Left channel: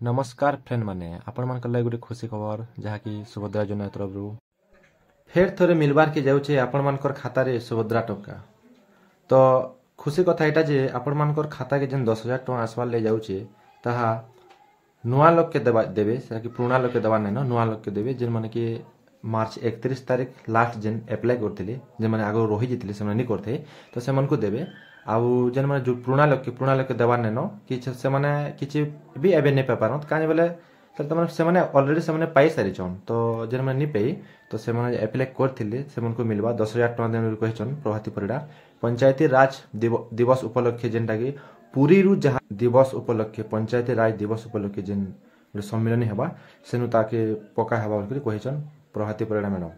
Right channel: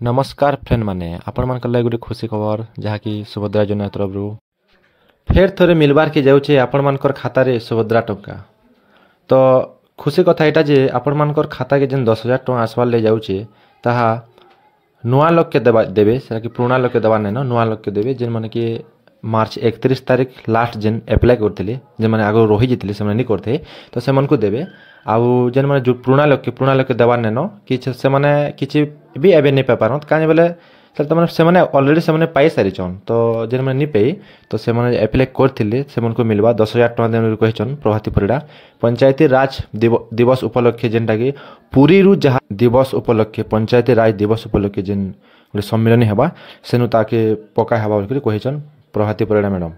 नमस्कार फ्रेंड माने आपण मान लगे गोटे खुशी खबर जहाँकि सुभद्रा योजना तरफ फेर थोड़े मिलबार के जाऊे आपण मानकर खाता रे सुभद्रा टंका। तो खुशी कथा यहाँ जे आपण मानकर खाता के जेन 10,000 टंका आसबार ले जाऊे ताहा नुआ लोग के देवे कि पुराना लोग के देवा नहीं नुआ लोग के देवे जेन माने कि मार्च 31 तारीख लास्ट जेन एप्लाय करते जेन मैंने आगे रही जाते से नहीं करते तो से को देवे आउ जेन मैंने जो पुराना लोग के देवार नेन कि से माने किसी भी एवं नहीं पार कहीं बोले से अलरेडी से पाई सारीचन तो जेन मैंने नहीं पाई तो से एप्लाय करते से मिलवा 10,000 टंका कहन प्रभाती परिडा पंचायती राज दिवस उपलक्षे जेनटा कि पुरी जहाँ दिवस उपलक्षे पंचायती राज दिवस उपलक्षे जेन गोटे सम्मेलन हेबा सेनु ताके पका हेबा बोल कहन प्रभाती परिडा मैडम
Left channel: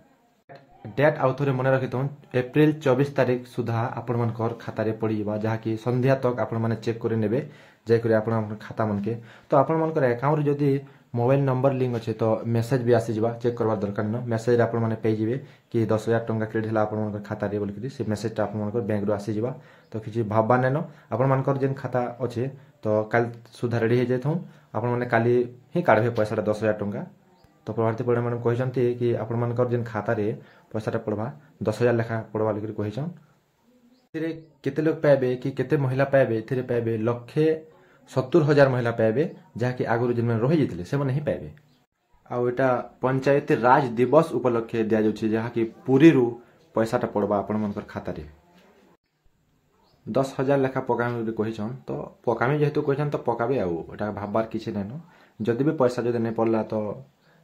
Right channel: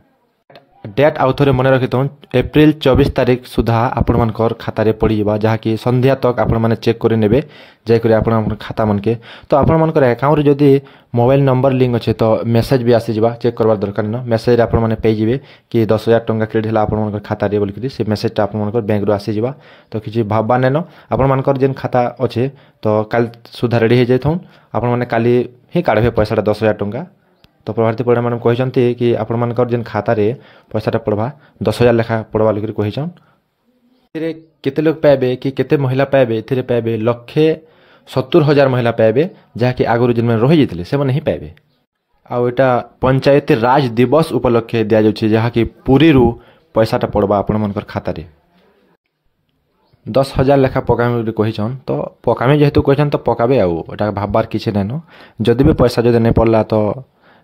डेट आउ थे मन रखी एप्रिल 24 तारीख सुधा आपण मानकर खाता रे पड़ी जावा जहाँकि संध्या तक आपण माने चेक करे नेबे जाकर आपण खाता मन के तो आपण मानकर अकाउंट रे जदी मोबाइल नंबर लिंक अच्छे तो मेसेज भी आसी जावा चेक करबार दरकार न मेसेज आपण माने पे जिवे कि 10,000 टंका क्रेडिट हला आपण मानकर खाता रे बोल से मेसेज टा आपण मानकर बैंक रो आसी जावा तो किछि भाबबा नेन आपण मानकर जेन खाता अच्छे तो काल सुधा रेडी हे जाइथौं आपण माने काली ही काढबे पैसा 10,000 टंका तो प्रभाती परिडा मैडम कहते कि आपण मानकर जेन खाता रे पैसाटा पड़वा 10,000 लेखा पड़वा लिखिर कहन केते लोग पाइबे कि केते महिला पाइबे एथिरे पाइबे 1,70,000 महिला पाइबे जहाँकि आगुरी जेन रही जाते से नहीं पाइबे आउ एटा पंचायती राज दिवस उपलक्षे दिया जाउछि जहाँकि पुरी पैसाटा पड़वा आपण मानकर खाता रे 10,000 लेखा पकामे कहन तो पकामे जेहेतु कहन तो पकाबे आउ एटा भाबबार किछि नाइन जदि भी पैसा जदि नहीं पड़ला तो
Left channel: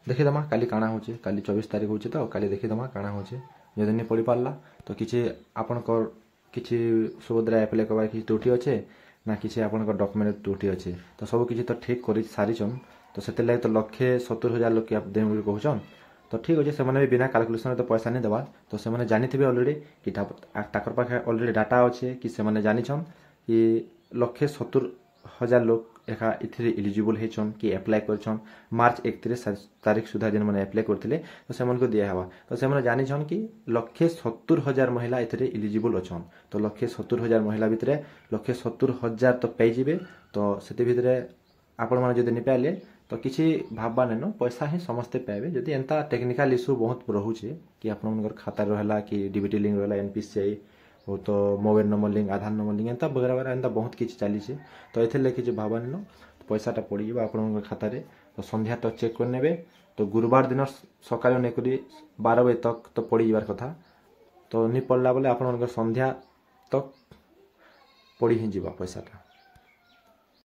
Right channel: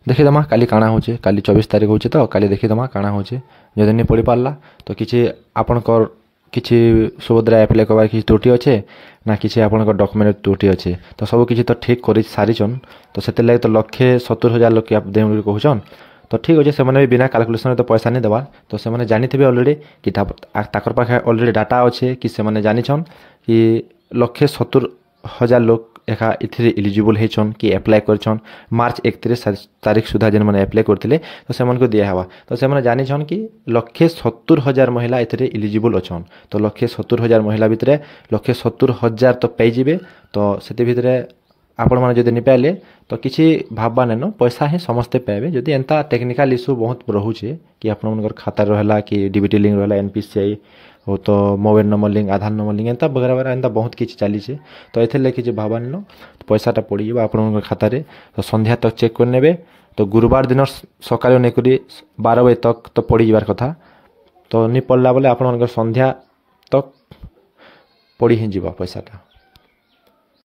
देखीदमा काली काଣା होचे काली 24 तारीख होचे तो काली देखीदमा काଣା होचे जदि नहीं पड़ी पारला तो किछि आपनकर किछि सुभद्रा एप्लाय करबार किछि त्रुटि अच्छे ना किछि आपनकर डॉक्यूमेंट त्रुटि अच्छे तो सब किछि तो ठीक कर सारीचन तो से लगे तो 1,70,000 लोग आप दे कहन तो ठीक अच्छे से बिना कैलकुलेशन तो पैसा नहीं देवार तो से जानी थे अलरेडी कि ताकर पाखे अलरेडी डाटा अच्छे कि से जानिछन कि 1,70,000 लोग एका इथिरे एलिजिबल हेचन कि एप्लाय करछन मार्च 31 तारीख सुधा जेन मैंने एप्लाय करथिले तो से को दिया हवा तो से जानिछन कि 1,70,000 महिला इथिरे एलिजिबल अछन तो 1,70,000 महिला भितरे 1,70,000 तो पाई जिवे तो सेते भितरे आपण माने जदि नहीं पाइले तो किछि भाबबा नेन पैसा ही समस्ते पाइबे जदि एंता टेक्निकल इशू बहुत रहुचे कि आपण मनकर खाता रहला कि डीबीटी लिंक रहला एनपीसीआई हो तो मोबाइल नंबर लिंक आधार नंबर लिंक एंता वगैरह वगैरह एंता बहुत किछि चली तो एथे लेके जे भाबा नेन तो पैसाटा पड़ी जाबा आपण खाता रे तो संध्या तक चेक कर नेबे तो गुरुवार दिन सकाळ नै करी 12 बजे तक तो पड़ी जाबार कथा तो नहीं पड़ला बोले आपण संध्या तक पड़ी ही जीवा पैसाटा।